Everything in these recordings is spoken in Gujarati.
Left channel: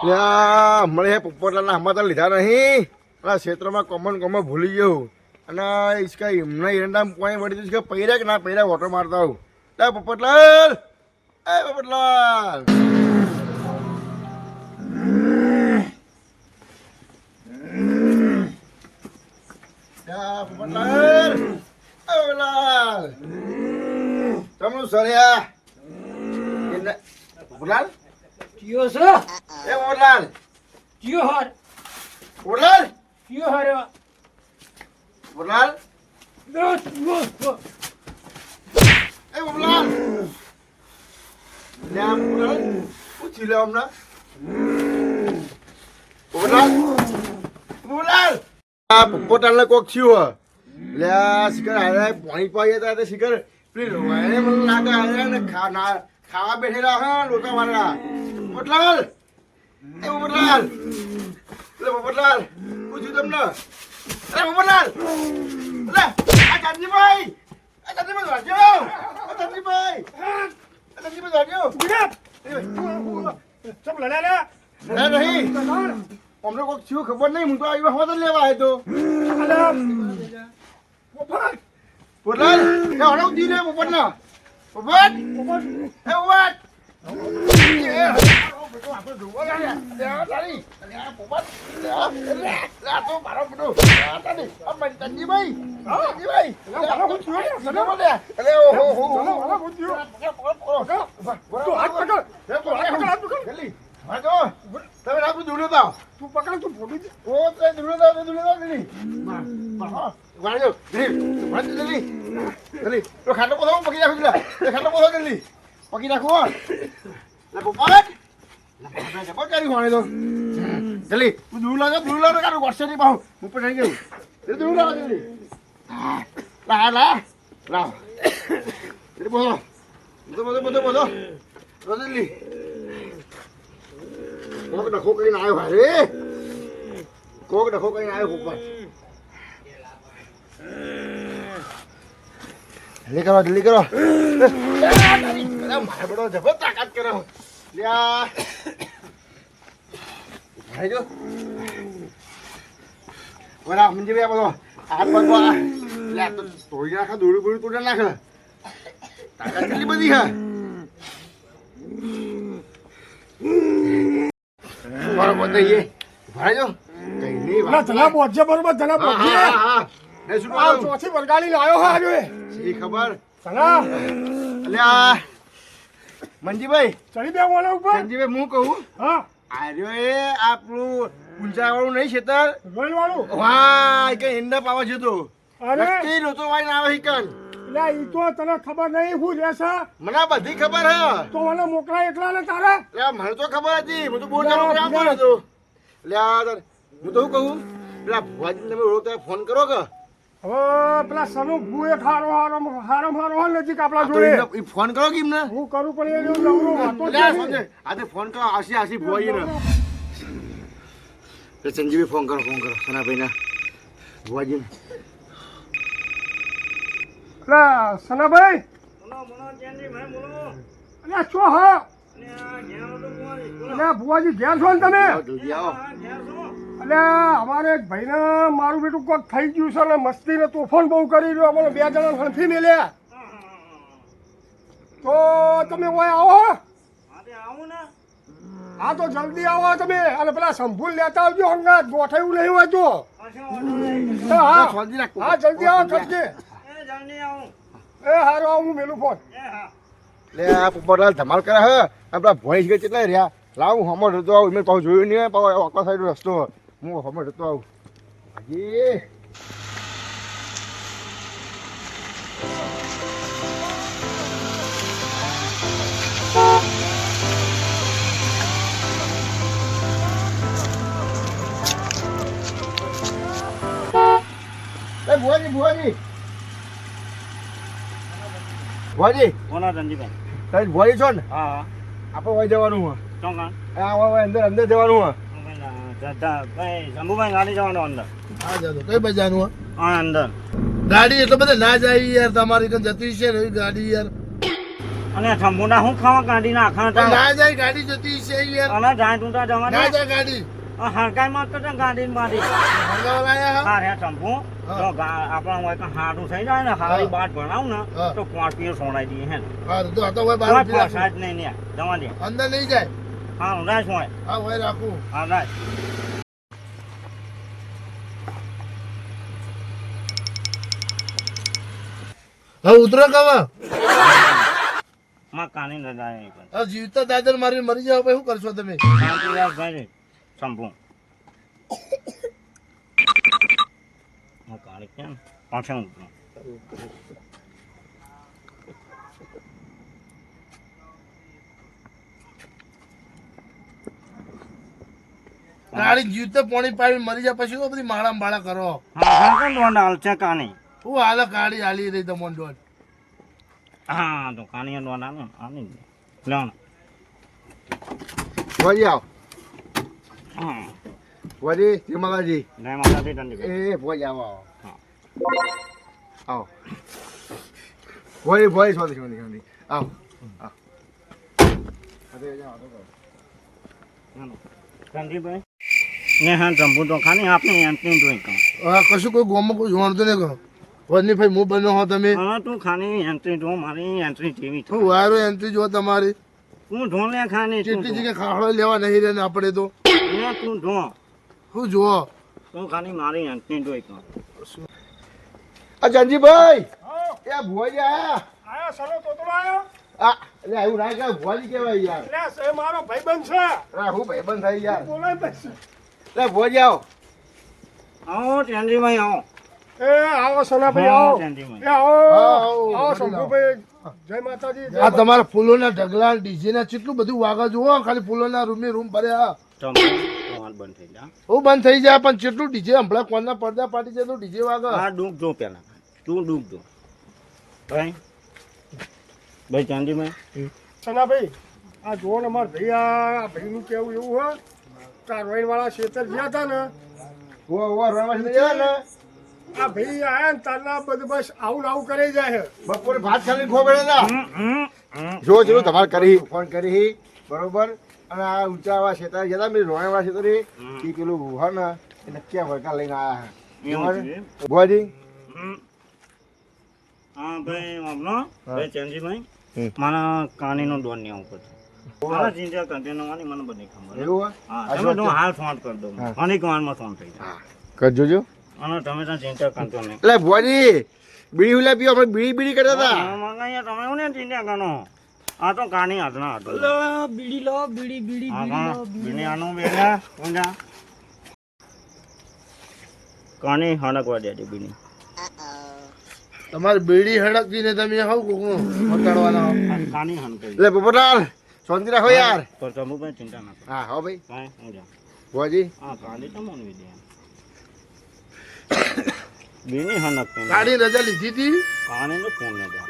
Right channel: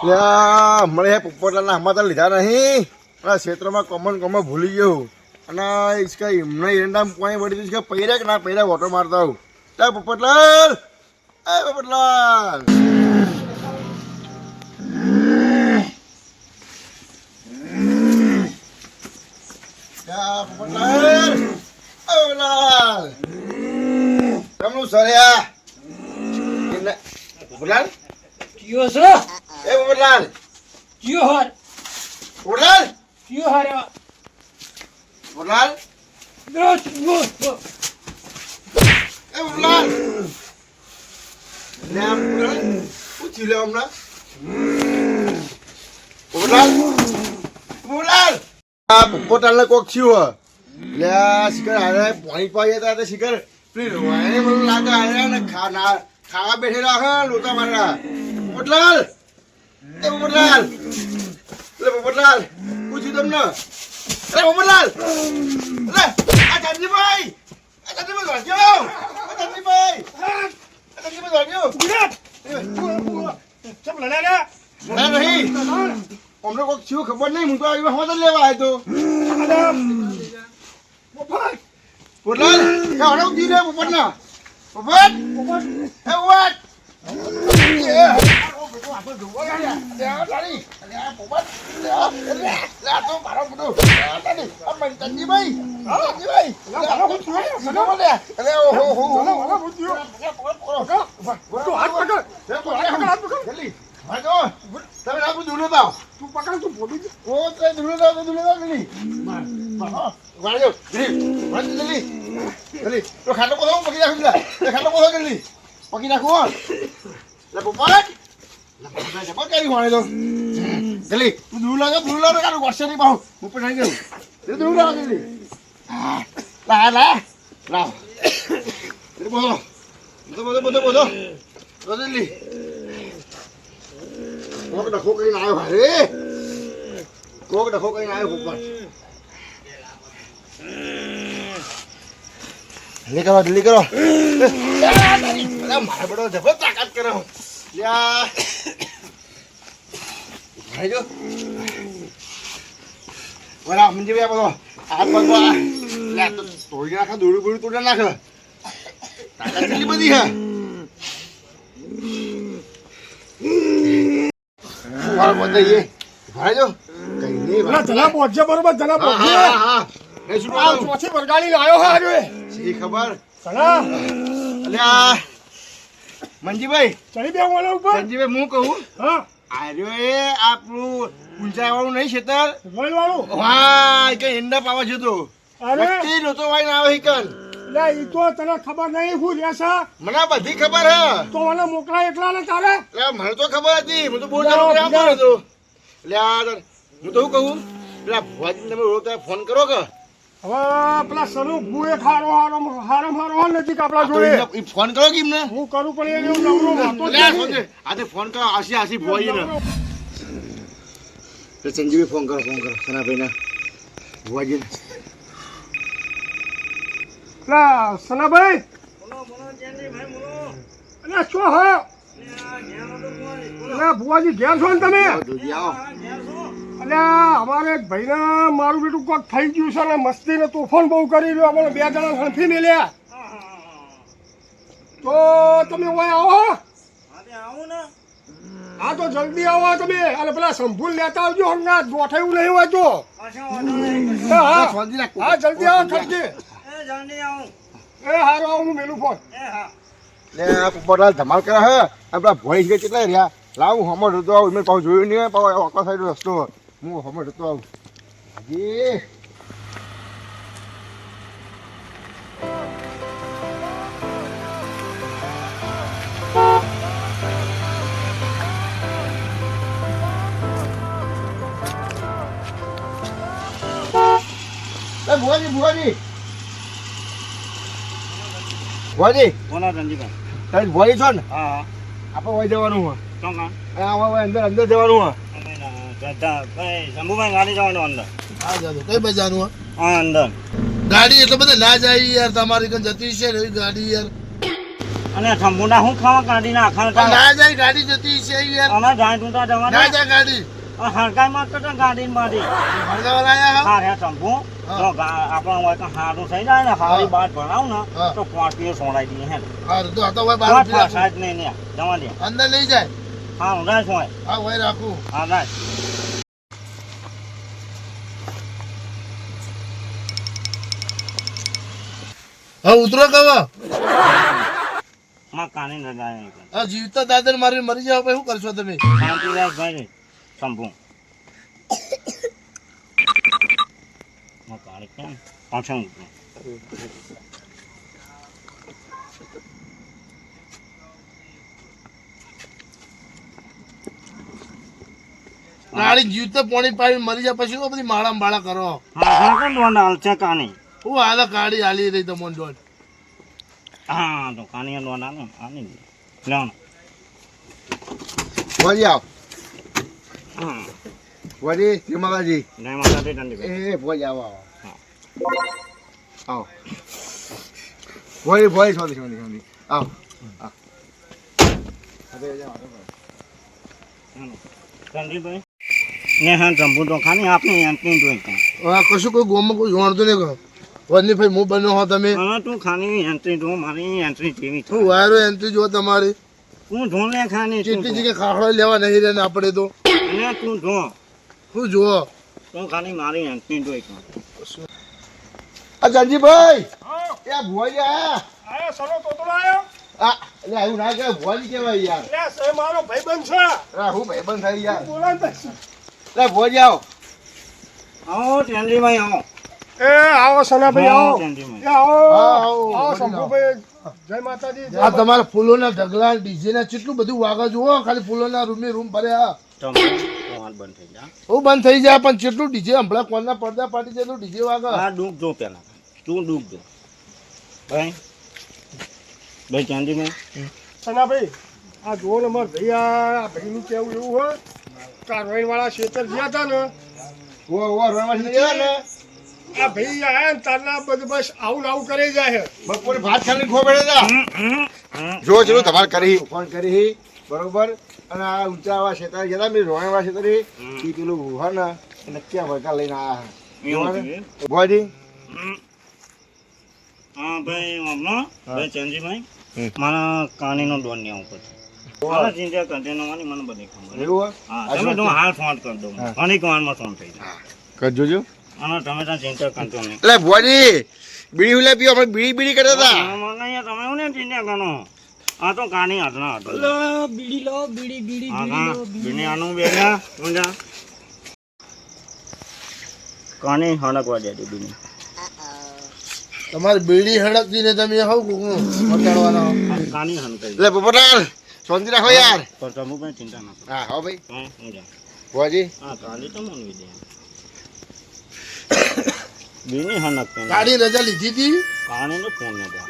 હમણાં હે પોપટલાલના હમાતા લીધા નહીં પેલા ક્ષેત્રમાં કોમન ભૂલી ગયો અને इसका એમના એરંડા પાણી વળી દીધું કે પૈરા કે ના પૈરા વોટર મારતા આવું તા પોપટલાલ એ પોપટલાલ પોપટલાલ પોપટલાલ રમણું સર્યા પોપટલાલ કયો છો એ પોપટલાલ કયો હાર પોપટલાલ કયો હાર પોપટલાલ દસ એ પોપટલાલ લે આ પોપટલાલ પૂછી લે હમણાં પોપટલાલ પોપટલાલ આ પોપટલાલને કોક થયું લે આ શિખર હારે પાણી પાઈએ તો શિખર પેલી રોવાય મને લાગે હારે ને ખાવા બેઠેલા હા લોટા મારલા પોપટલાલ એ પોપટલાલ લે પોપટલાલ પૂછ્યું તમને અરે પોપટલાલ લે આ ચાંદીભાઈ વાંચો આ ચાંદીભાઈ વાંચો ગુજરાત સબ લડા લે નહીં અમને કોઈક થયું ખબર નહીં હું તો આવી હોત લેવા આવ્યો તો પોપટલાલ એ હણો દી લે પોપટના પોપટ એ પોપટ ખાટલો કોથો પકી રાખું ખાટલો કોથો જલ્દી પકી રાખું પોપટ જબર કરી વાણે તો જલ્દી તું દૂર લાગે કાઢું વર્ષે નહીં પાહું હું પણ ગયું દૂર લાગે જલ્દી લાવ બોલો જલ્દી કોક ડખો કરીને આવ્યો હારે કોક ડખો કરીને આવ્યો પોપટ જલ્દી કરો મારે બધો જબર તાકાત કરો જો બરા મંજી ભાઈ બધો હાથ પગ લે તો તોડી નાખે દોડું બોડું તોડી નાખે તાકાત કેટલી બધી હે મારો બધાઈએ ભાઈજો કઈ નહીં જલા પહોંચે બરોબર જલા પહોંચે હા એ શું આ ચોથી વરગાડી લાયો હા આજે સી ખબર સલા અલ્યા મંજીભાઈ ચડી બે ઓલા ઉપર મંજીભાઈ હું કહું હા આર્યો એ આપણું ઊંચા વાળું નહીં ખેતર રોલ વાળું વાહ કે ઈંડા પાવા જતો અરે નક્કી લોતો વાઈને આવે હિકન લે ઈ તો તને ખબર નહીં હું લેસા મને બધી ખબર હે તો મને મોકલા એકલા ને તારે લે મને તો ખબર હતી હું તો બહુ જાણું આવતો નતો લે હું તો શું કહું પેલા ભુવાજીને તમે રોતા ફોન કરો કે હવે પેલા સનુ ભૂએ હારો નજીક આપણા તો જોઈએ ઈ ફોન કરો કે એમને હું કરું પણ એને હું નવરો વાતો લે સમજે આજે ફોન કરો આસી ભુવાજીને સંજીવી ફોન કરો સનાભાઈને ભુવાજીને લા સનાભાઈ અલા શું હા અલા ભુવાજી ઘેર છો ને તમે જલ્દી આવો અલ્યા અમારે એક ભાઈને મારું બેટું કોક થઈ ગયું છે ને મસ્તી ને તોફાન બહુ કરી રહ્યો અમે બે જણા હંફી મેલ્યા તો તમે ઓય આવો હા તો જલ્દી આવો તમે અને પેલા સંભૂલ લેતા આવજો હંગા ગોઠાયું નહીં હોય તો હા જલ્દી આવો થકી એ હારો આવું હું મેલું ફોન લે આ પોપટલાલ ધમાલ કરે હે આપણા ભોંઈ છે કેટલા રહ્યા લાવું હમણાં જતો આવું મેં પાછું જોયું નહીં પાછો આખા સાઈડ રસ્તો હું હમણાં જતો આવું હાજી ભુવાજી કોના ધંધીભાઈ તારી ભુવાજી છો ને હા આપણે વહી જવાનું હોય ચોંકા અંદર જવાનું હોય શંભુભાઈ ગાડી જવાનું અંદર હા જાતો કઈ બજારનું હોય હા અંદર ગાડી એટલે બધા ના જાય યાર તમારી કઈ જતી છે ને ગાડી યાર અને શંભુના હું ખાવા કાઢી નાખે ના જાય ગાડી જતી છે યાર અને જાય તું તા જવા ના જાય ગાડી હરકાઈ માં તો ગાડી મારી હળગાવા લાયા હા રે શંભુ તો આપણા હોય તો હારું થઈ જાય ને હારી બાટ ભણાવ ને હા. તો 5 પીએ સોડાઈ દઈએ હે હા તો આ તો ભાઈ કોઈ બહાર પી રાખું. ફસાય જ નહીં ને જવા દે અંદર નહીં જાય હા રાખ હોય હા ભાઈ રાખું હા રાખ હા ઉતરો કવા માં કાની ન જાય હા જીવતા દાદર મારી મરી જાવ પછી શું કરશો તમે શાંતિ રાખ ભાઈ શંભુ માં કાણી કેમ પાછળ ઉતરો ગાડી જીવતા પાણી પાણી મરી જાય પછી શું બધી માળા માળા કરો હા કોણ દોંડ હાલશે કાની હું હાલ ગાડી હાલી રહી તમને દોડ હા તો કાની દોંડ આને આની લેવાનો વળી આવ હા વળી તિમાલાજી નહીં મારાથી ઠંડી એ ભોજ આવો આવો હા આવો વળી ભોજ સોધી સોધી સોધી આવો આવો સંજીભાઈ ને હા જંબુ તો ખાની આપને એન્ટ્રી જોઈ કાં હા કશું કોઈ ગોમાં કોઈ જાણતું નહીં કહો વરની ભાઈ હું બન્યો હો તમે હા તું ખાની એન્ટ્રી જો મારી એન્ટ્રી જેવી હું વાયરો એન્ટ્રી જો તમારી તું જો લે ખાની તું કેટલી જગ્યાએ ખાખડો લેવા નહીં રહે ને આપણે તો ને તું જો શું જુઓ તું ખાની મારી એન્ટ્રી જોઈ કાં આ જંજીભાઈ એ ભોજ આયા આયા સરો તોતડો આયો આ એટલે એવું ના કહેવાય ભોજ કહેવાય યાર લે સે મારો ભાઈબંધ છે અરે હું ભાઈબંધ થઈ યાર બોલાય તો એટલે ભોજ આવો આવો ચંદીભાઈ આવો એ આવો સનાભાઈ હા, આવો ચંદીભાઈ. એ આવો આવો, આવો આવો, શંભુભાઈ જય માતાજી જય આ તમારા ફૂલોના ઢગલા ડીજે ના કેટલું બધું વાગે જુઓ ખાલી ફૂલોના રૂમ ભર્યા તમાર બંધ થઈ જા હું બંધ થઈ જાય પણ કેટલું ડીજે હમણાં કોના પડદા પાડી જાય તો ડીજે વાગે આ ડૂબ જો પેલા તું ડૂબ જો ભાઈ ભાઈ ચંદીભાઈ સનાભાઈ આ જુઓ ને માર ભાઈ આ ભાઈનું કેવું એવું હોય કારવાઈ વાળા ખેતર ગયા હતા ને ઓ રવાજ નહીં આવે ને આ ભાઈ આયા ને તારના બધું બસ આવું ને આવું કરી જાય છે બપોરે ભાત ખાલી ખોબડે હતા જો ચલો તમારે કરી ફોન કરી બરોબર અને આ ઊંચાવા ક્ષેત્ર જતા મેં રોણાવા ક્ષેત્ર એ પેલું હોય ને એને ક્યાં વળકા લઈને આવ્યા એવું છે? ભોજી હા ભાઈ હમણાં ભાઈ ચંદીભાઈ મારા કાનીનો દોર ને આવું પછી મારા ચિંતા કન્ટેનર વાની મને બધી ખબર એવું હોય હા તમે તો હાલ ફોન કરી દો અને કવાનમાં ફોન થઈ જાય કરજો જો અને તમે ત્યાં ચિંતા કરતો નહીં એટલે ભોજી બીડી ઉલા પીઓ આપણે બીડી કરતા હતા અહીંયા તમે એવું ને ચિંતા કરો આ તો કાની હાથના હતો બીડી લો બીડી હા હા બીને આનું બેગા ઊંડા કાની હણકવા દે બીને તમારી બીડી હડકતી ને તમે હવ કોકનું મટાડવાના કાની હણકાઈ એટલે પોપટાલ શાંતિ રાખો યાર પર તમે પણ ચિંતા ના કરો હા હા ભાઈ હા ઊંડા ભોજી હા કાલી તો મનવી દે બીની હણક ગાડી રજા લીધી હતી કાની ને ફોન ને દે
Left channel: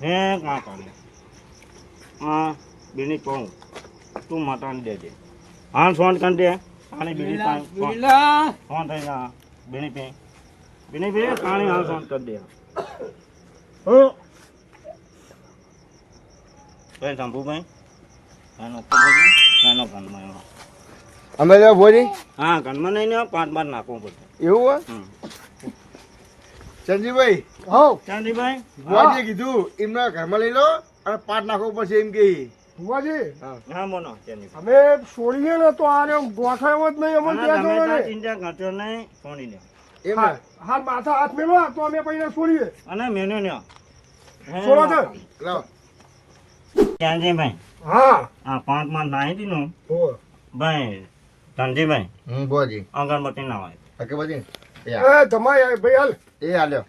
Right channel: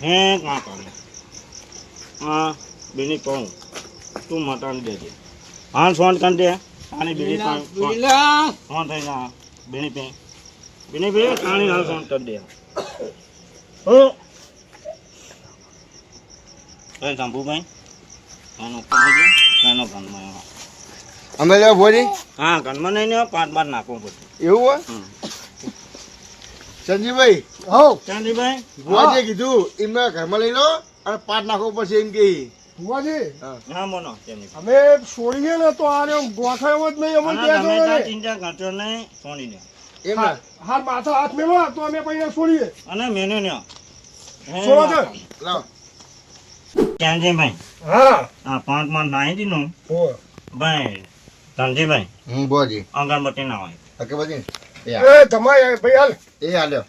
હે કા કાની હા બીની કહું તું મટાડી દેજે હા ફોન કરી દે પાણી બીની ફોન થઈ જા બીની પે બીની પે પાણી હાલ ફોન કરી દે હો ભાઈ શંભુભાઈ એનો એનો ઘનમાં અમે લેવા ભોજી હા ઘરમાં નહીં ને 5 બાર નાખવું બધું એવું હોય સંજીવભાઈ હો ચાંદીભાઈ ભુવાજીએ કીધું એમના ઘરમાં લઈ લો અને પાટ નાખવો પડશે એમ કે ભુવાજી હા મોનો ચાંદીભાઈ અમે છોડીએ ને તો આ ગોઠાયો જ નહીં અમને ત્યાં તમે જોડે ત્યાં ચિંતા કરશો નહીં સોની લ્યો એમ હા હાથ માથા હાથ મેલો તો અમે પછી છોડીએ અને મેને લ્યો છોડો તો. લાવ ચાંદીભાઈ હા આ 5 માં નાહી દીધું હો ભાઈ ચાંદીભાઈ ભુવાજી અગરબત્તી ના હોય અગરબત્તી એ તમારે ભાઈ હાલ એ હાલ્યો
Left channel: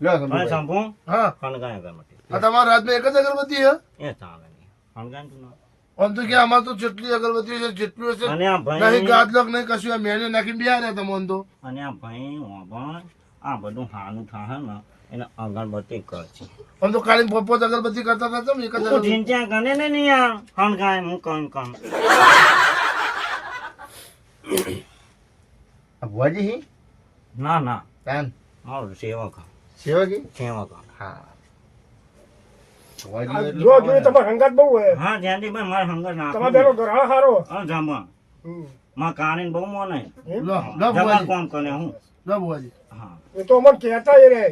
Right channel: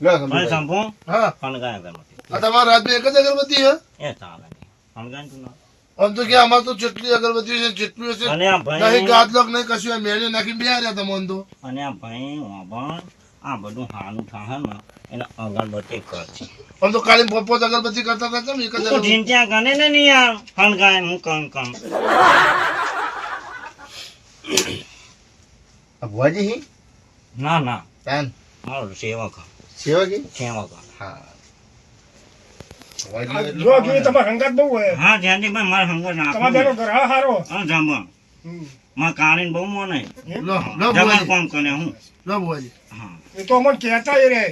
લ્યો ભાઈ સંજીવભાઈ શંભુ હા કણગાય અગરબત્તી આ તમારા રાતમાં એક જ અગરબત્તી હે એ ચાલે કણગાય તું ના આમ તો કે અમાર તો જેટલી અગરબત્તી છે જેટલું હશે અને આ નહીં ભાઈ ગાદલોક નહીં કશું આ મેળે નાખીને બેહ્યા રહ્યા તમને તો અને આ ભાઈ વાબણ આ બધું હાનું થાહે ને એને અગરબત્તી કરશે આમ તો કાળી પોત અગરબત્તી કરતા હતા કેમ એક જ તું અગરબત્તી ચિંતા કરે ને નહીં યાર કણગાય હું કમ ભુવાજી ના ના તાન હા સેવક સેવકી સેવક હા જો જોઈએ તમારે હંગાત બહુ હોય હા જયંતિભાઈ મારે હંગર તમારે નાખું બેનો ઘર હા સારો હા જમણ હમ. માં કાણીને બહુ મોને એમ? જમણ કોમ કરે હું બુવાજી હા એ તો અમને કહેતા એ રે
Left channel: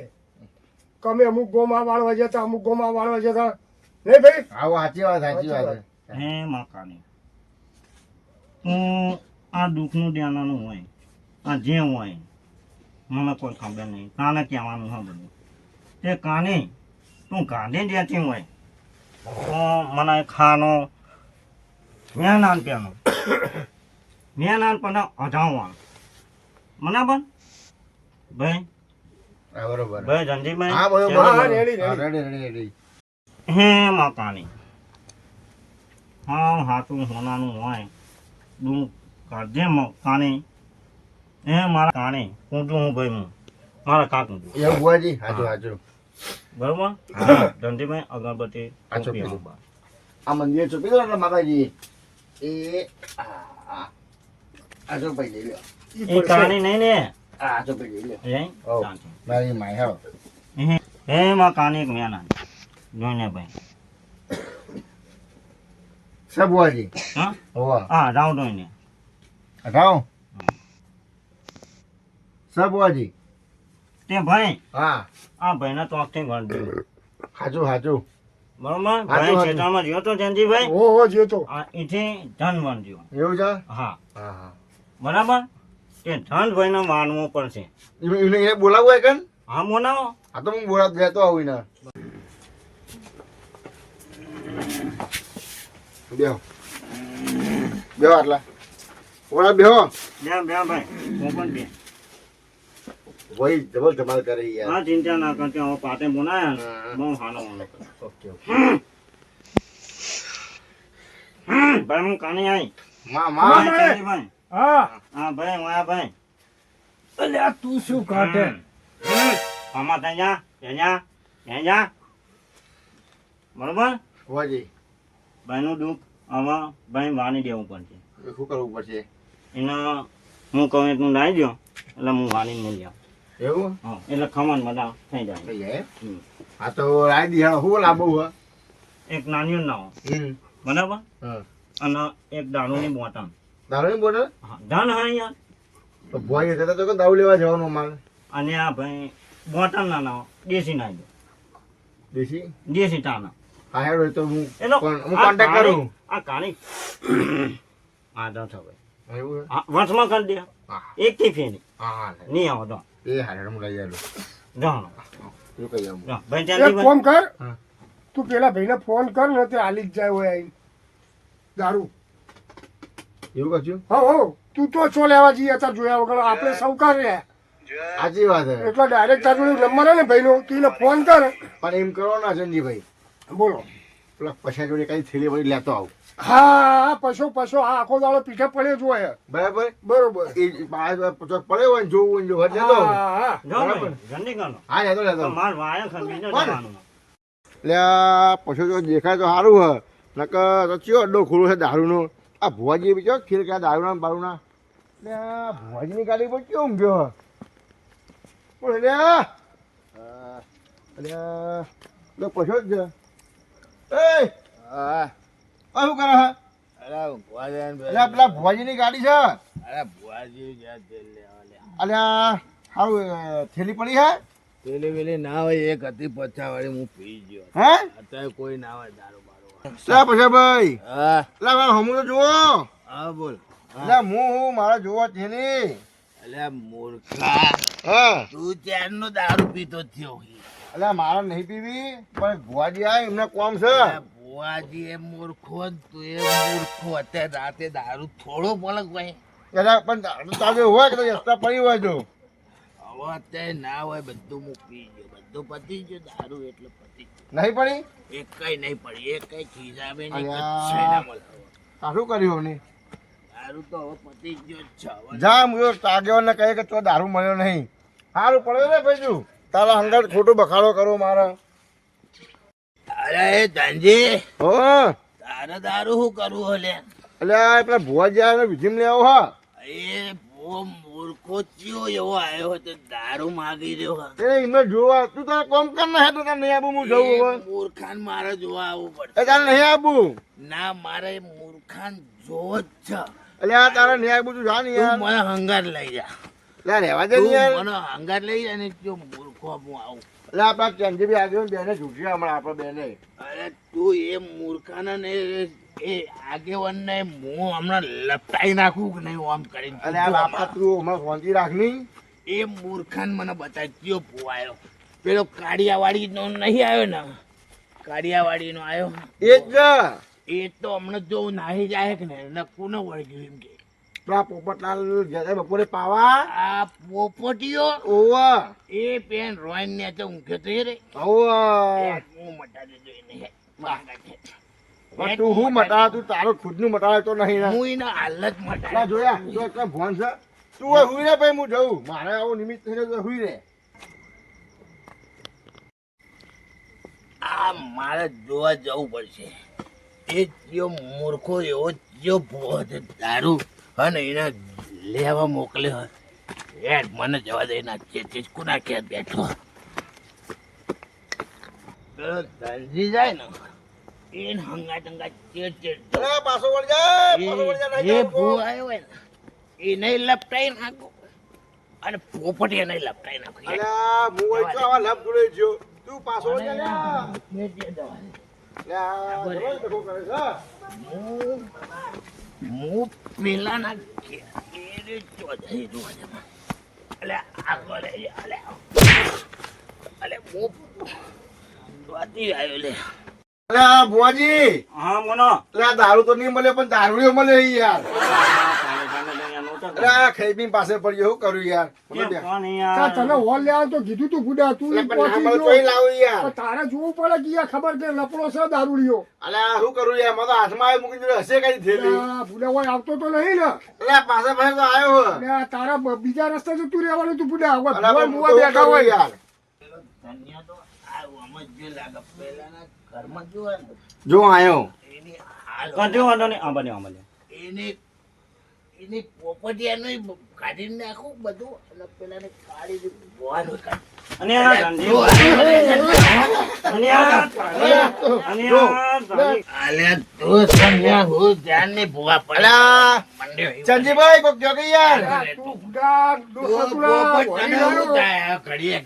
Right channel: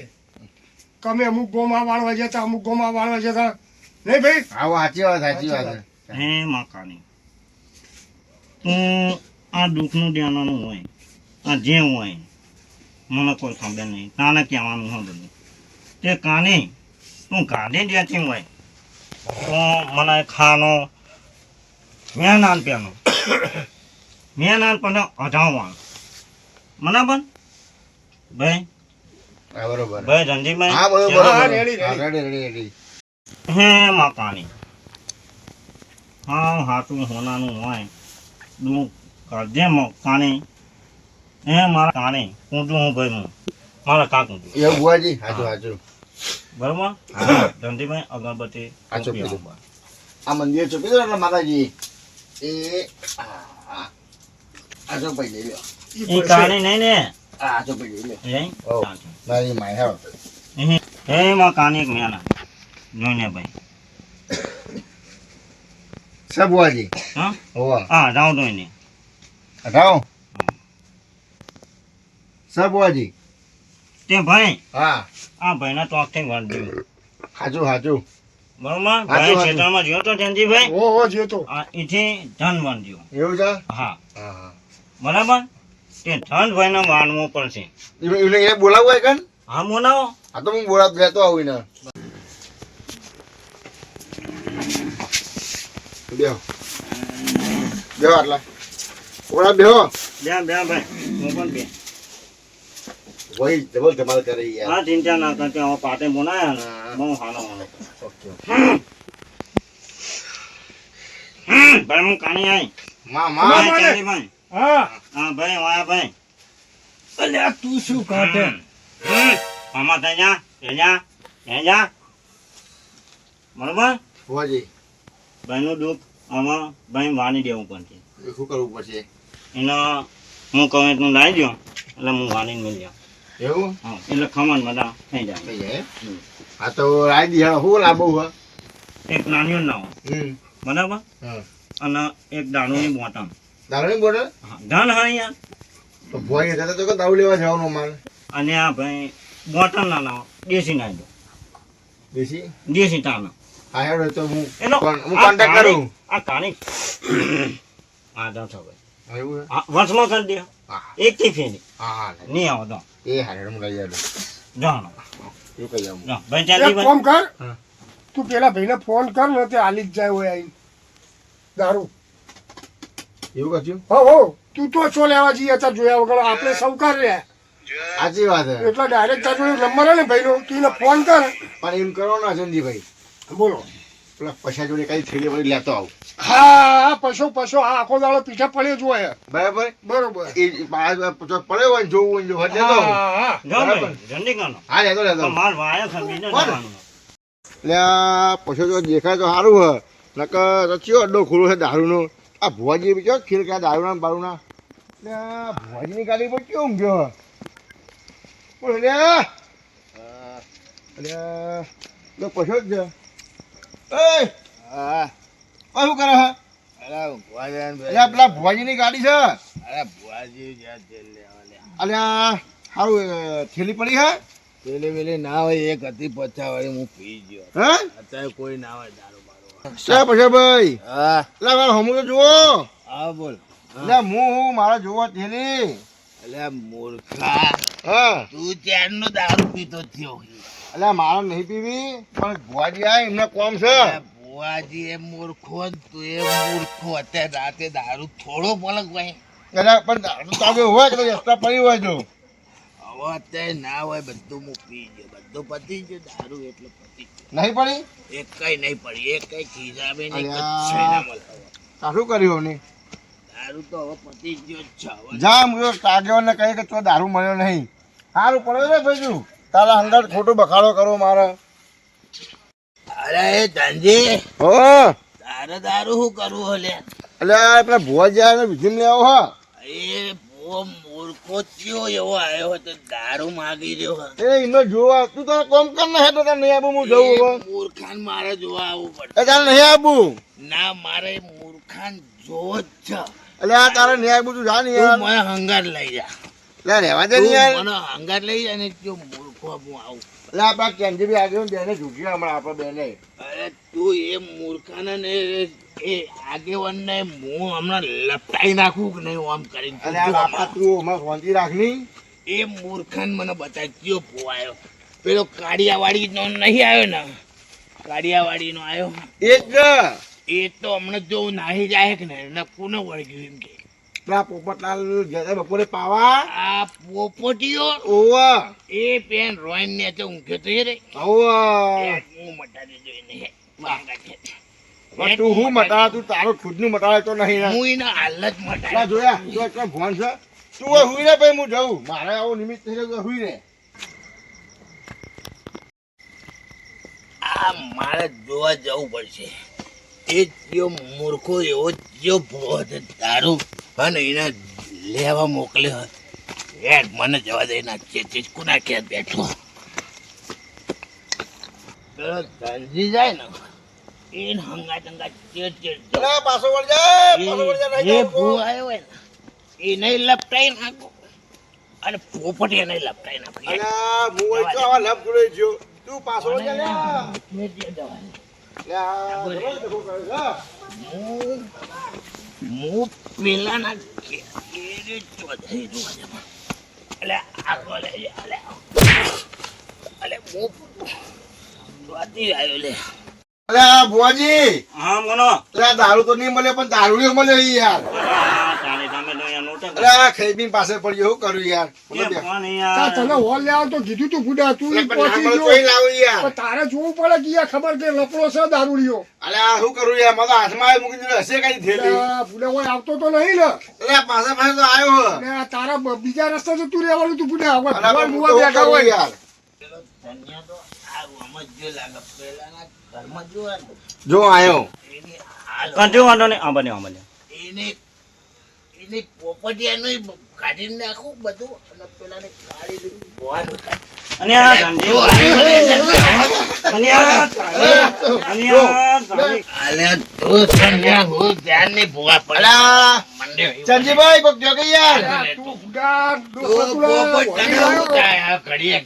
કે અમે અમુક ગોમાં વાળવા જતા અમુક ગોમાં વાળવા જતા નહીં ભાઈ હા સાચી વાત હે માં કાણી તું આ દુઃખનું ધ્યાનનું હોય આ જે હોય મને કોઈ ખબર નહીં કાને કહેવાનું હોય બધું તે કાને તું ગાંધી જ્યાંથી હોય તો મને ખાનો મેં નાનપણનો મેં નાનપણ અઢાવવાનું બરાબર ભાઈ હા બરોબર ભાઈ રણજીતભાઈ હા બરોબર હા, બરોબર. રેડી, હા, રેડી. રેડી હે મકાની હા હાથું હોનાનું હોય દું કાઢે મકાની હે મારા કાણે કૂંડું હું ભાઈ હું મારા કાકું એવું બુવાજી હાચું બરોબર હા. રણજીતભાઈ અગરબત્તી આ ચોપી ટોપી દો. આપવા. આ મંદિર ચોપી દો ને માતાજી એ આ ચોપાઈ લઈ લ્યો એ કાણી નહીં ને આ ચોપાઈ લઈ લ્યો હે ઓ. મારી માય હાવ હે માં કાની એક મેના જોઈને ભાઈ સબ બુવાજી હા હોવા હા જાઉં તો એને હટાવો સબ બુવાજી તે ભાઈ હા આ ભાઈના ચોકથી વળજો હાચું બરોબર ભાઈ હાચું. ખેતરમાં જ્યો તો જયંતિભાઈ ઓ જે તો આ એથી ધન વળજો એવું છે હા હા હા બરાબર તે ધન ભાઈને માનવો પડશે એને એ બોલાવું હોય કન હા મોનાવો આ તો હું બોલા લેતો આવું ને બેહો બેહો આટલા ઓલા બેહો બે ભાઈ હું પણ બે વહી ડબલ ધમાલ કરે યાર હા ચિંતા ના કરતી હવે પાટે બોલાયા ને હા. બહુ હાનો હાનો ઓકે ભાઈ હું કાણી આવી માં ભાઈ માં જયંતિભાઈ હા હા ભાઈ વાયા ભાઈ અલ્યા તું શું કાઢે આમાં ત્યાં બરોબર બુવાજી ભાઈનું દુઃખ આમાં ભાઈ વાણી દેવું પડશે એ શું કરવું પડશે એના હું કહું એટલું લાવી દો એટલે હું વાણીને મિલ જાઉં એવું હા એટલે ખમણ બધા થઈ જાય થઈ જાય હા તો રાઈ દી હા હું લાંબુ હા એક નાની ના હોય બરાબર હા અને એક દારૂની બોટલ દારૂ નહીં બોટલ હા ધન હા યાર તો ભોય હતા તો દારૂ લેવા જવાનું મારે અને આ ભાઈ બોટલ ના લાવો દેશી નાખી દો દેશી દેશી તાના હા હેડો તો હું એનો હું કોન્ટેક્ટ કરું આ કાણી આ દસ હવે એવું છે? હા વંશમાં કરી દે હા એક થી ફેરી હા હા નહીં આવો તો એ હા હેડો હું લઈ જાઉં જાણો એવું કહી જાઉં ભાઈ એક ચાલી ફોન કર હા. તું પેલા ભાઈને ફોન કર ને તે હાલી જ જાય હોય આઈ દારૂ એવું કશું હો તું તો છો લેવા જઈએ અત્યારે જોયા વગર આપણે સૌકાર રહ્યા સાચી વાત છે એટલે ડાયરેક્ટ તાર જોડે નંબર હે ને ભાઈનો તું એને ફોન કર પણ એમ કરો ને અજનજીભાઈ બોલો પેલા પૈસા જોડે કઈ થેલી વળી લેતો આવું હા પશો આ આખો દાડો પીછા પડ્યો જ હોય બરાબર બરોબર એ પડે હોય ને જોવું હોય ને જોવા લેતો આવું હા જાઓ બરાબર. ભાઈ જલ્દી કરો હા લેતો લેતો પણ માર વાયા ખમી ન જવાનું એટલે આ પૈસા જો દેખાય તો સારું હ નકર તો ચિયો અડ્ડો ખુલ્લો છે દારૂનો આ ભુવાજી બી ચો ખીર ક્યાં દારૂના ને બારૂના એટલે આ ભુવાજીની ગાડી પર કેવું ઊંઘ્યો બોલ એટલે એટલે પૈસો જ છે એ હા શું કરે હે અરે ભુવાજી એટલે પેલા ભુવાજીની ગાડી છે અરે ભુવાજી જ્યાં તેલ લેવા લે અલ્યા સારું થેલી પડી હે પેલી પેલી ના હોય એક હતી પચાવાળી હું પી ગયો હા અત્યારે કોઈ ના હોય દારૂ બારો શા પૈસા ભાઈ હા એટલે મારે હમું તો જુઓ હા બોલ એટલે હું મારે જોવો થેલી અલ્યા મૂર્ખા હા તું ત્યારનો દારૂ પીતો થયો એટલે મારે નહીં પીવી પણ ભુવાજી આ એમને કોમ છે અલ્યા ભુવાજી એ મૂર્ખો ને તું એ મૂર્ખો અત્યારે રાતે દારૂ થોડો પલક ભાઈ એટલે પણ દારૂ તાગે હોય તો પછી રસ્તા પડી હોય તો હવે અત્યારે ના હોય બધું હું પી ગયો બધું પતી ગયું દારૂ એટલે પતી ગયું નહીં પડી એક કઈ નહીં પડી એક કઈ ખીજાબે નહીં અલ્યા. કચ્છે ના મળે હવે. આ શું કર્યું ને દારૂ તો હવે પતી ગયો જ છે હવે જા હું તાગ્યો ને કહે કે તો દારૂ મળ્યો નહીં સારું પડ્યો ને ભાઈ તું તારા અંદર ખોટું બખાડો કરો મારે અરે એ ધનજી હો તારે દારૂ શું કરવું હલે એટલે પેલા ભુવાજી આવે વિધિમ લેવો હા એ હું ઓ મૂર્ખો ચિયો એવો આવ્યો હતો દારૂ માગી રહ્યો હતો એ એમને જોવા તું તો કોમ કર ને હેઠો તને નહીં આવું હું જવું હવે મૂર્ખાન મારે જોવા આવવું પડે એ તારે નહીં આવું ના મારે મૂર્ખાન જોવો જ છે એટલે આ તારે નહીં આવું તું જા ને તું યાર મને હંગાર લઈ જા લે રહેવા દે ને તું યાર મને હંગાર લઈ જા ને જો મૂર્ખો હું આવું એટલે આપણા ચંદીભાઈ આગળ બેને જૂઠી હમણાં આપણે બેને અરે તું એ મૂર્ખાને ને એ આગેવાનને હું હમણાં લપટાઈ નાખું કે નહીં આમ કરીને અને આ બાપા તું હમણાં શાંતિ રાખની એ મૂર્ખાન મને બતાવ્યો ભોવાયો પેલો કાળિયાવાડીનો નહીં આવ્યો ને કાળિયાવાડીનો આવ્યો એ જ એ તો હમણાં જો નાહી જાય કે ને એને કોને વળગ્યું એમ કે પેલા પોપટલાલ ગયા બપોરે પાવા આ પોપટીયો ઓવા એ પેન રોઈન ને તો ઊંઘ્યો તો એ રે ઓવા એ હું મટા દેજો એને હે માંગા છે પણ તું હું મટાડા તું તારો ખુદનું મટાડે તો નહીં ને હું એના હાલત પેલા મટા જોયા જો એટલો ભોન છે તું હવે હુઈ રે ભાઈ હું જઉં મારે આવું નિમિત્ત થઈ રહ્યું હુઈ રે આ મારે જોવા જવું પડશે એ જો મૂર્ખો એવો જો ભૂવો દારૂ અને એને લેવા મોકલ્યો યાર મને જવા દે ના ચેતી કુના ક્યાં બેઠો પેલો ધનજી જાય ને એને હંગા ટંગા ચેત અરે પાછો વળ જા પાછો વળ જા નહીં જે જવું ભૂ આવ્યો હોય ને એ નહીં લપટાઈ નાખો અને પોપટી નહીં લપટાઈ નાખો અરે હું વળી જો આવા લપ જોડે ગયો તું પાછો વળ જા લે લે આ જબર દેખો કરે છે હું પેલાના કેરે ચોધાઈ જોવા જમા અલે આગો લે અલે હું ચોધી આવ્યો લે અરે આ ભુવાજી હા બોલો અરે આ દારૂ તો નહીં મળે પણ દારૂ મળે યાર તારે તમે તો અહીંયા નહોતા અરે આ ખૈબીન પાસે પડ્યો શું કરું યાર બોલો બે. પણ તાર યાર તને હોલ લેવા તો કીધું તું બુડા તું એટલે પણ પહોંચી ના ગયો મળે તોય લાવું યાર પણ તારે જોવું પડે કે યાર ખબર કે લપડો છે દારૂડિયો અલે આ શું કરું યાર મને તો હાથમાં આવી મૂકી દીધું હશે કઈ થેલી બુડા હોય આવતો તો નહીં ને અરે આ પાસે પાસે તો આવ્યો હે. એટલે આ તારા બીજા રસ્તે તો તું રહેવાનું તું બુડા હવે અરે પણ ભુવા હું તો શું બેઠા કરું હોય યાર ધન્યા તો આ આમ જ જો લાગે પેલાના ઘરમાં જોવા ને જો આવ્યો એની હાલ કંઠી વાંધો નહીં આ બન્યો એની પોપટિયાનું કાઢી નાખું બધું અને પેલાને કાઢી ભોવાનું કાઢી અને આ ધનજી અને આ અને આ ધનજી અલ્યા તું સમજ્યા હું ધ્યાન નહીં ભોવા પડે અલા મંડ્યો ચંજીભાઈ કોક જો કે યાર અરે તું બુડા દોસ્ત તું તુડા પોપટ વળી તને ગયો. શું થાય? ઘડીએ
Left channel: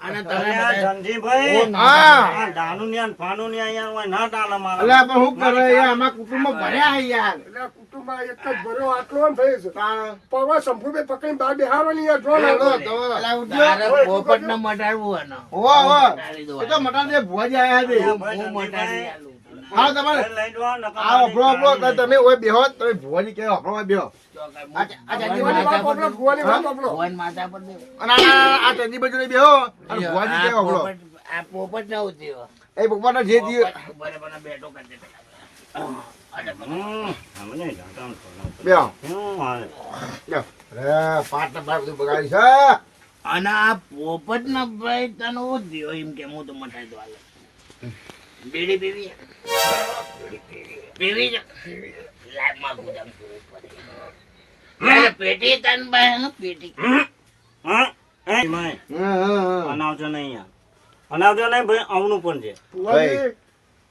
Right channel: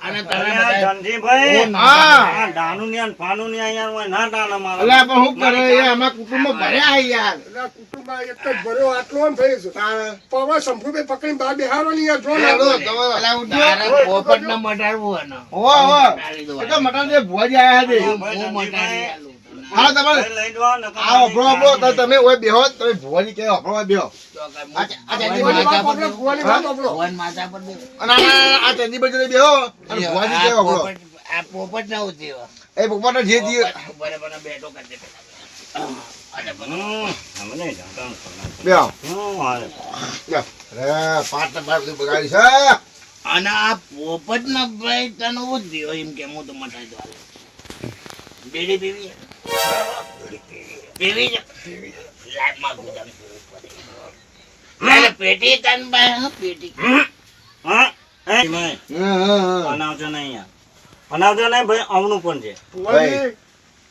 અને તમે અરે બધા આ ધનજીભાઈ હા. આ ડાનું ને ફાનું ને અહીંયા હોય ના ડાના મારા અલા પણ શું કરે યાર અમારા કુટુંબમાં ભર્યા હે યાર એટલે કુટુંબમાં એક જ ભર્યો આટલો ને થઈ છે તાણ. પવા શંભુભાઈ પકડીને બહાર બેહારવાની યાર જો અલા, ને. તો અલા ઉઠજો. તારે પોપટને મટાડવું હે ને. હોવા, હોવા. મટાડી દો. એ તો મટાન જે ભુવાજી આયા છે હું મટાડી આલું તને. હા તમારે લઈ દો નકર આ અભરો અભરો તો તમે ઓય બેહો તમે ભુવાજી કે અભરો ઓય બેહો તો કાંઈ આ ભગવાન ચાંદી માથા પર બાપડો, બેહો. ભુવાની વાત બાપડો. ભગવાન માથા પર બેહો. અને આ ચંદી બાજુ બેહો અને ભુવાજી કે અભરો આ પોપટ ના ઉતર્યો. એ ભગવાનનો જે દી બરાબર બેઠો કરી દે પેલા. અને અમે નહીં જાણતા બેહો હું હાલે બેહો. અરે પાટ ને પાટ બધું બગાડી છે અને આ પોપટ ના ભાઈ તને ઉતર્યો એમ કે હું તો મટાડી દો હાલે. બીડી પીવી પીવી છે? લાઈફમાં ગુદામ પીવું પડે. એટલે પેટી તને ભાઈ હા, પેટી હા એ ભાઈ હા, હા, હા. અનાવજો નહીં યાર અનાવજો નહીં ભાઈ આવનું પણ છે ભુવાજી,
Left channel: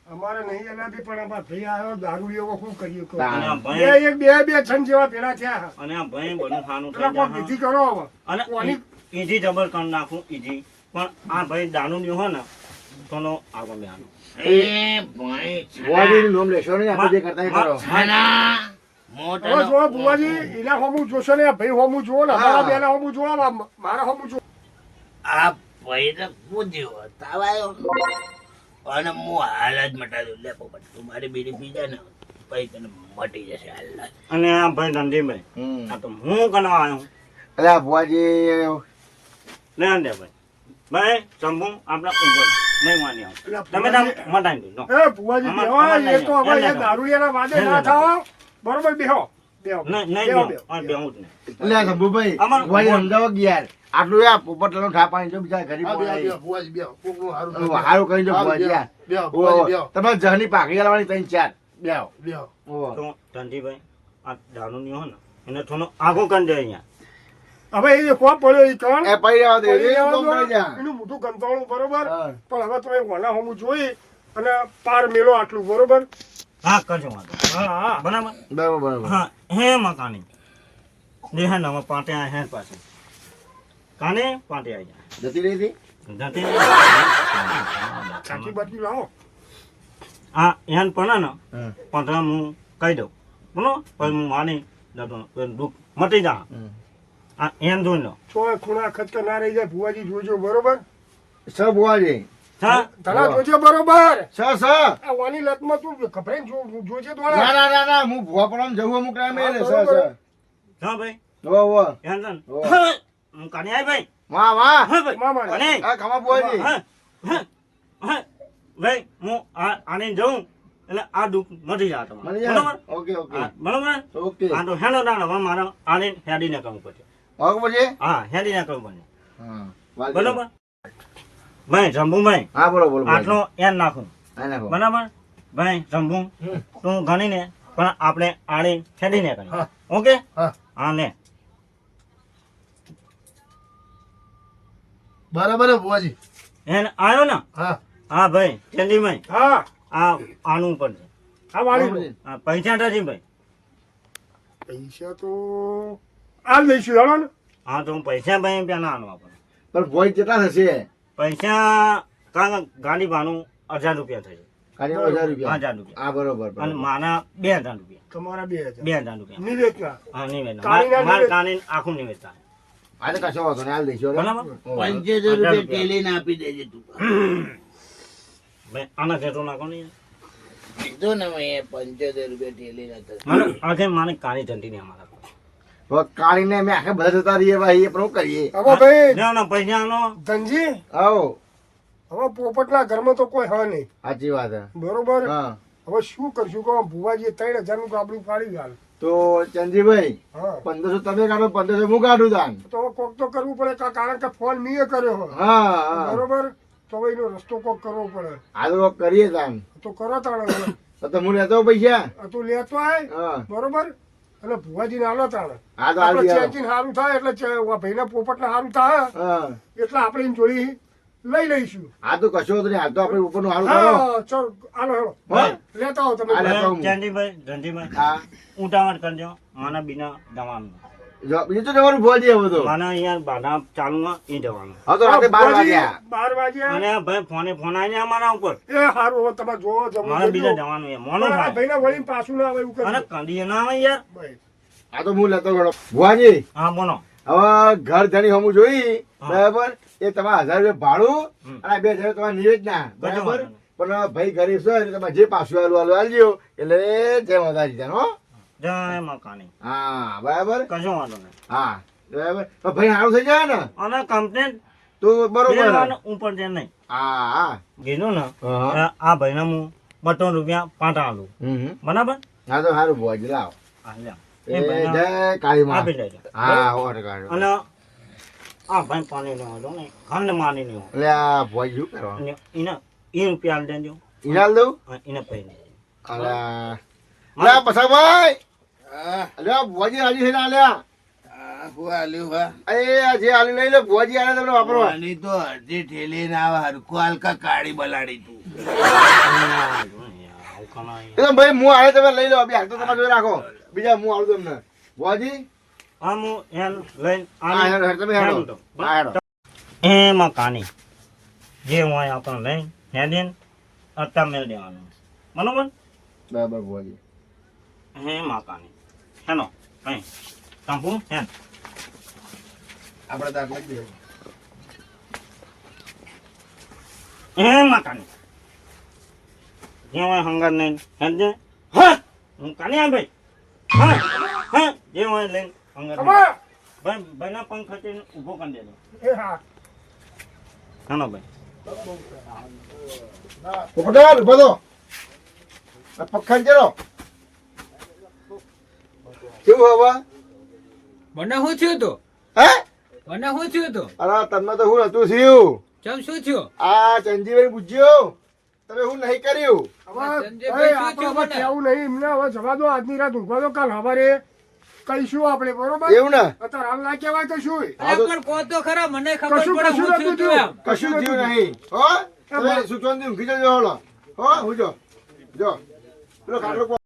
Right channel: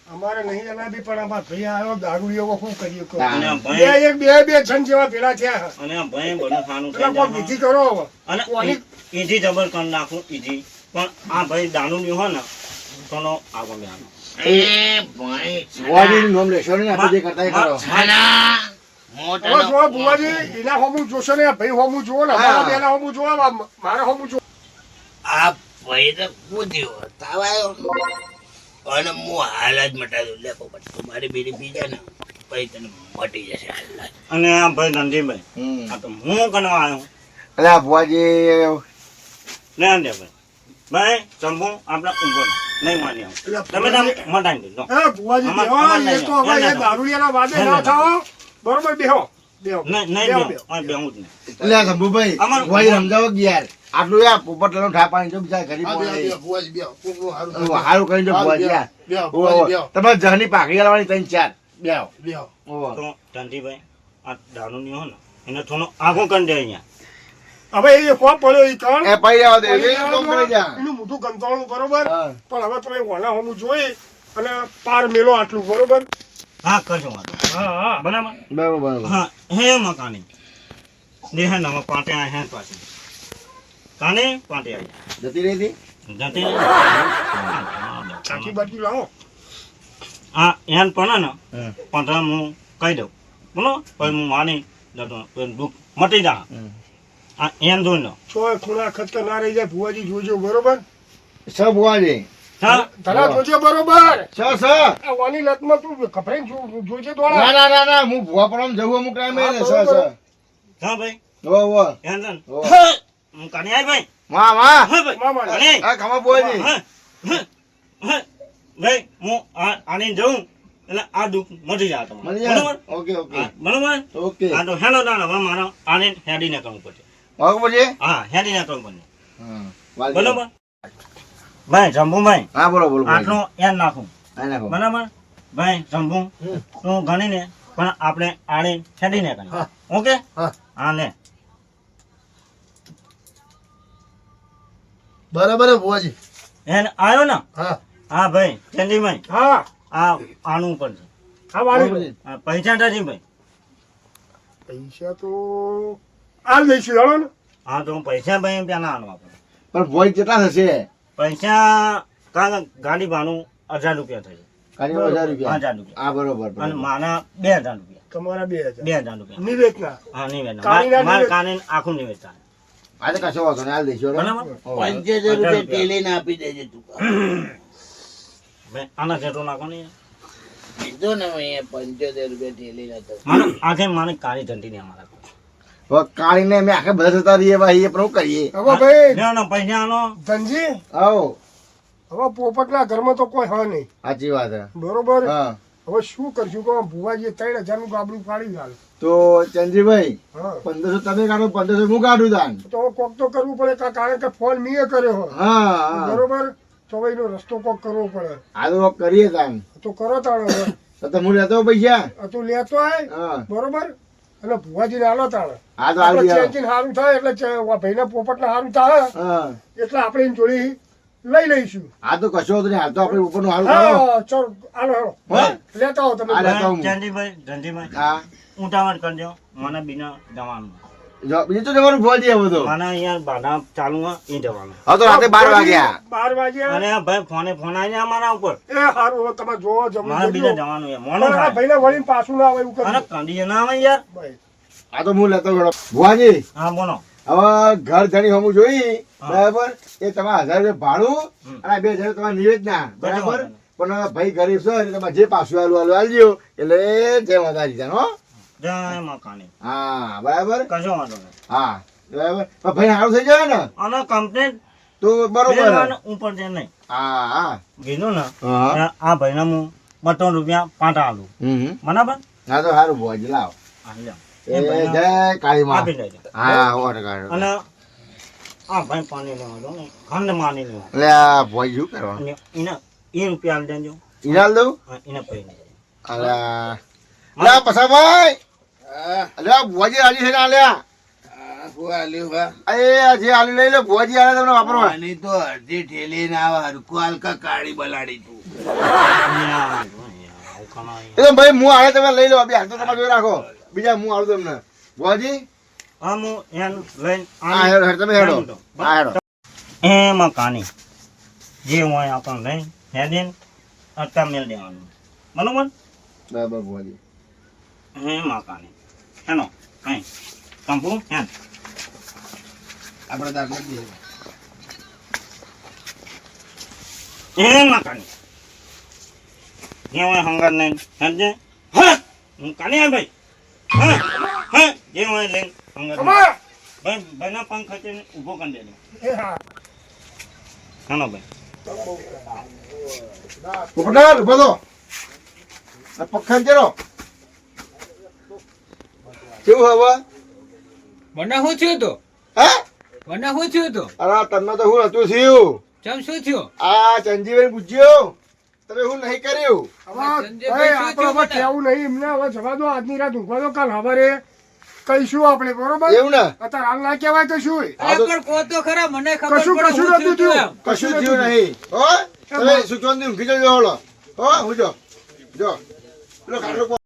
અમારે નહીં અલાદી પણ અમારા ભાઈ આવ્યો દારૂ એવો શું કરીએ કહો. હા. અને આ બે ભાઈ એક બે બે છન જેવા પેલા થયા અને આ ભાઈ બધું ખાનું પેલા થઈ કોઈ જાય વિધિ કરો હવે. અને કોની- ઈજી જબર કરી નાખું ઈજી પણ આ ભાઈ દારૂ ની હોય ને થોડો આગળ બેહાનો એ ભાઈ ભુવાજીનું નામ લેશો નહીં આપણે જે કરતા એ કરો છાના હવે મોટાનો જો ભુવાજી, એના હોમું જોશો ને ભાઈ હોમું જુઓ ને અમારા હા. બેના હોમું જોવા મારા હોમું જુઓ. આ ભાઈ તો કૂદ્યો તાવ આવ્યો અને હું હાલ જ મટાડ્યો લે પોપટ તું મારી બીડી પી જાય ને પછી તને મટી જશે હાલ જ. અને આ ભાઈ રણજીભાઈ હમ. આ તો હું કરવા આવ્યો અલા ભુવાજી લેવા દે ભાઈ ભાઈ શંભુ આપણે ઊભો રહો. નહીં માની આવું તમે તો મટાઈ દીધો એ ભુવાજી, અમાર- બેહો, અમાર એ નહીં તો આવે. હવે ના, એ ના. દારૂડિયાના વાદે ના, ના ના. થાઓ. બરોબર, બેહો બેહો નહીં નહીં બેહો, બેહું. આ બેહું જ નહીં એટલે આ શંભુભાઈ અમાર- ભુવાજી સમજાવો કે યાર આટલું યાર પોપટ લનો ઠાપાની જો બીજા ગરીબ માણસ. હારું કરીને જો ભુવાજી યાર. ઓહો. તમારે જહની પાકડી આલવાની 3-4 બેહો ઓહો. તો ધનજીભાઈ આ દારૂ ની હોય ને એને થોડો આગો કરી દે અહીંયા હવે એ કોપ પડ્યો એ કણ એ પડી રહેવા દે પડી એ રહેવા કોમ દો. પડી જા એનું મોઢું ગંતાળું બરોબર હા. પણ હવે તમે વણા હમું જોઈ અને પાર મેલો આટલું બરોબર હા કરજો વાંધો હા હા બરાબર બરાબર બરાબર હા હે મકાની દેહ નવા પાટે આ હે પાછી કાને પાટે આવી જતી રહી હતી જાતે સાચી બાજુ લાવો આ એન પણ ને હમ. પણ હું કહી દઉં બોલો પછી હું માની જતો દુઃખ મટી જા હમ. આ એન જોઈ લો છો ખૂણા ખતર ના રહી જાય ભુવાજી જોજો બરોબર સર બુવાજી હા ધડા જોજે બરોબર સર આ વાની લતમાં તું કપડાઈ જોજે ના દોડા ના ના ના હું ભુવા પણ જવું અમુક ટાઈમે હા, સર બરોબર. સર હા ભાઈ ઓ એન જન ઓ હું કાને આવી ભાઈ માં માં હા ભાઈ મામા. કાને આ ખમા બુવાજી હા હા હા ભાઈ હું આને જઉં એટલે આ દુઃખ મટી જાય મળી તમારે જાય બરોબર ઓકે ઓકે હા, બરોબર ઓકે આ તો હેલો દાણ હવે મારે આને હેડીને કરવું પડશે વાગો પછી હા હેડીને કરવું પડશે હા વાગી. બરોબર ભાઈ શંભુભાઈ હા બોલો બોલો આટલો એન નાખું હા નાખો બરાબર ભાઈ શંભુ તું ગણીને પણ આપણે આને હેડીને કરીએ હા. ઓકે હા. હા લે બરાબર ભુવાજી એન આવ્યો ને હા હા ભાઈ ચંદીભાઈ હા આ આનું ઉપર છે આ વાળી લો આ પૈસા નથી ભાઈ પૈસા તો આ લઈશું જાણો ને હા તો હું પૈસા ભાઈ પેલા આનો આપણે પણ ભોય કેટલા થશે પૈસા કારણ ગાડી ભાડું 1000 રૂપિયા થઈ કાઢી 1000 રૂપિયા 1000 રૂપિયા હા બરોબર અને બરોબર. મારા 2000 રૂપિયા તમારા 2000 2000 રૂપિયા નિવેદના હા નિવેદન કાનીના મારે નિવેદન. કાને આખું નિવેદન થાય આ તો કશો વાંધો નહીં હાલ દઈશું હવે. બરાબર ઓ. 75 રૂપિયા ટેલીને આપી દેજે તું ભાઈ આના જેટલું નાખો ને કીધું ને મેં 75 રૂપિયા ટેલીને હતો મને આખે મારે કાળી ધંધી ને અમારા કોઈ હવે કાઢીને અમે આખે બધા જતા રહીએ ભાઈ એ પણ શું કરીએ હવે ભાઈ લેવાનો પૈસા આનો ધનજી આવો હવે પોપટના ઘરમાં તો કોઈ હા નહીં સાચી વાત છે બરોબર હા હવે શું કરશું કહો ભુવાજીએ 3000 નું ગાબડું પાડી ગાલ તો ચંદીભાઈ હા 1500 તમે કાઢો 1500 હું કાઢું તાન તો હવે કોક તો કરવું પડે કારણ કે ફોન મીએ કર્યો હોય હા હા બરોબર તો હવે એનો રસ્તો કોક કરવો પડે આ તો કરીએ તાન તો કરો તાણે હવે તો હું લેતો હોઉં પૈસા આ તું લેતો આય હા બરોબર અને ભુવાજીને હાલો તાણે હા તો હાલ આપણે દે ચેન્જીને સારું થાય એટલે ભાઈને પોપટને સારું થાય હા એટલે આપણે એની જોડી લઈ લઈશું આ તો કશો વાંધો નહીં હાલ તો આપણે ઉપરનું હારું કરો હા ચલ હાલો હાલો હા? લેતા આવો તમે આ લેતા આવું. ચંદીભાઈ ધંધીભાઈ હા ઉતાવળ કરજો મને બીના જવાનું જો બીજું તો જવાનું ભોજી આવું તો મને અહીંયા બાધા ચાલુ હોય એ જવાનું હા તો રાતે 12 વાગ્યા 12 વાગ્યા અને ભાઈ ફોન આવી અમારા ઉપર એ સારું હવે તમે જોવો મારે બીજા જમો જવાનું છે મોડું થાય ભાઈને વળીને પાછું ના આવે એવું અને કરજો. કંડી ના આવે યાર ભાઈ. આ તો હું લેતો ગયો ભુવાજી હા બોલો હવે ઘર ધણી હમું જોઈ બરાબર એ તમારે 1000 રૂપિયા ભાડું અને 2000 તમારે નિવેદના બરાબર પણ ભાઈ ગરીબ છે એટલે તમે જે પાછું આલુ આલજો એટલે જય માતાજી જાણ હો જય મકાની હા બરાબર કશો વાંધો નહીં હા બરાબર પણ ભાઈ સારું થઈ જાય ને અને કમ્પ્લેન તો બરોબર ઉપર છે નહીં હા હા કીધું ને હા. આ ભાઈને હું 200 રૂપિયા પાટા આલું હમ બરાબર ના તો સારું ભુવાજી લાવ આ લ્યો. એ એ ભાઈને જય કાળી માં આપી દેજો હા સો ટકા. અને આ ભાઈ પાણી લેવા દો ને ખંડ માની લેવા એટલે આ ભુવાજી શું કરવા અને એને એ રૂપિયા આલી દેજો ઈનાલ દઉં અને એને પૈ દેજો અલ્યા પસા ભાઈ હા અલ્યા ભુવાજી રાજી થઈને આલ્યા હા હું આલ્યું હા એ જે આલુ લઈ લો ભુવાજી આલે તમને વાપરો આની તો અડધી ઠેલી ના આવે હરકું હાલકા કાળી બલાડી તું આવું કાના એ તો ભાઈ હું આવે તમે લઈ લો બે હાલ તો તમે જોઈ રાખો બીજા હું આવું તમને ભુવાજી હા હું એન લઈને હા હેડો હેડો તમે હેડો હા હેડો એમાં કાની જે હોય આપણે લઈને હેડીને અત્યારે મેળ દેવાનું બરોબર બરાબર ભુવાજી એમાં કાની હેનો કઈ કંપુ હેન આપણે તો આટલે જ દે. એમાં કાની જે હોય હંગાર લઈને હેડજે હા હું કાની આ ભાઈ હા હા જે હોય લઈને હંગાર ખબર? ભાઈ ભાઈના પંખ ખચીને ઊભો કરી દેજો એ હા હેનો ભાઈ પોપટાલ ઉભો તો આ પખાન ચલો કેવું હવે મને શું થયું તો હે મને શું થયું તો અરે તમને તો હું નતું થયું ચમ શું થયું આ ચંજીભાઈ પૂછ્યું તમે હું નહીં કર્યું હવે સંજયભાઈ ભાઈ શું આપણે થયું હવે મને? કહેવું નહીં એમને હવે જવા દો આજની રાત ઊંઘવા દો કાલ સવારે કહીશું આપણે બરોબર એવું ને અત્યારે હાલ ના કહેવાય કશું અરે પણ કહો તો ખરા મને ખબર કશું પડે કશું હું નથી થયું એમ કશું થયું નહીં હો તમે સુચોન ઊંઘી જજો હળો હો હું જો પેલો ખાટલો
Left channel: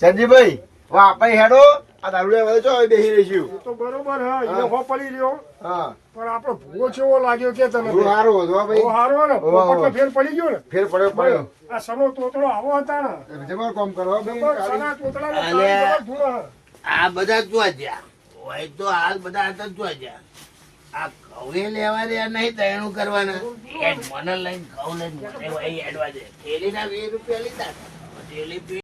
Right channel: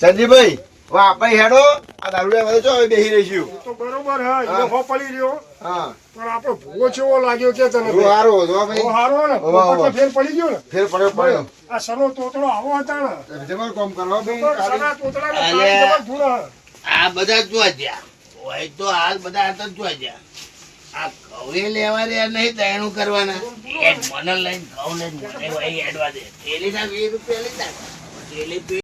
ચંદીભાઈ હવે આપણે હેડો આ દારૂડિયા વાળો છો હવે બેસી રહીશું તો બરોબર હે ઈનો હો પડી રહ્યો હા પણ આપણો ભૂવો કેવો લાગ્યો કે તને બહુ સારો હતો હો ભાઈ બહુ હારો ને વાહ, વાહ. પોપટનો ફેર પડી ગયો ને ફેર પડ્યો આ સનો તોતડો આવો હતા ને જબર કામ કરો ભાઈ સના તોતડાને અલે. જબર ધૂળ હે. આ બધા જોવા જ્યાં હોય તો હાલ બધા હતા જોવા જ્યાં આ ઘઉં લેવા રહ્યા નહીં તૈણું કરવાના એ મને લઈને ઘઉં લઈને મને વહી હેડવા દે થેલીના 20 રૂપિયા લીધા થેલી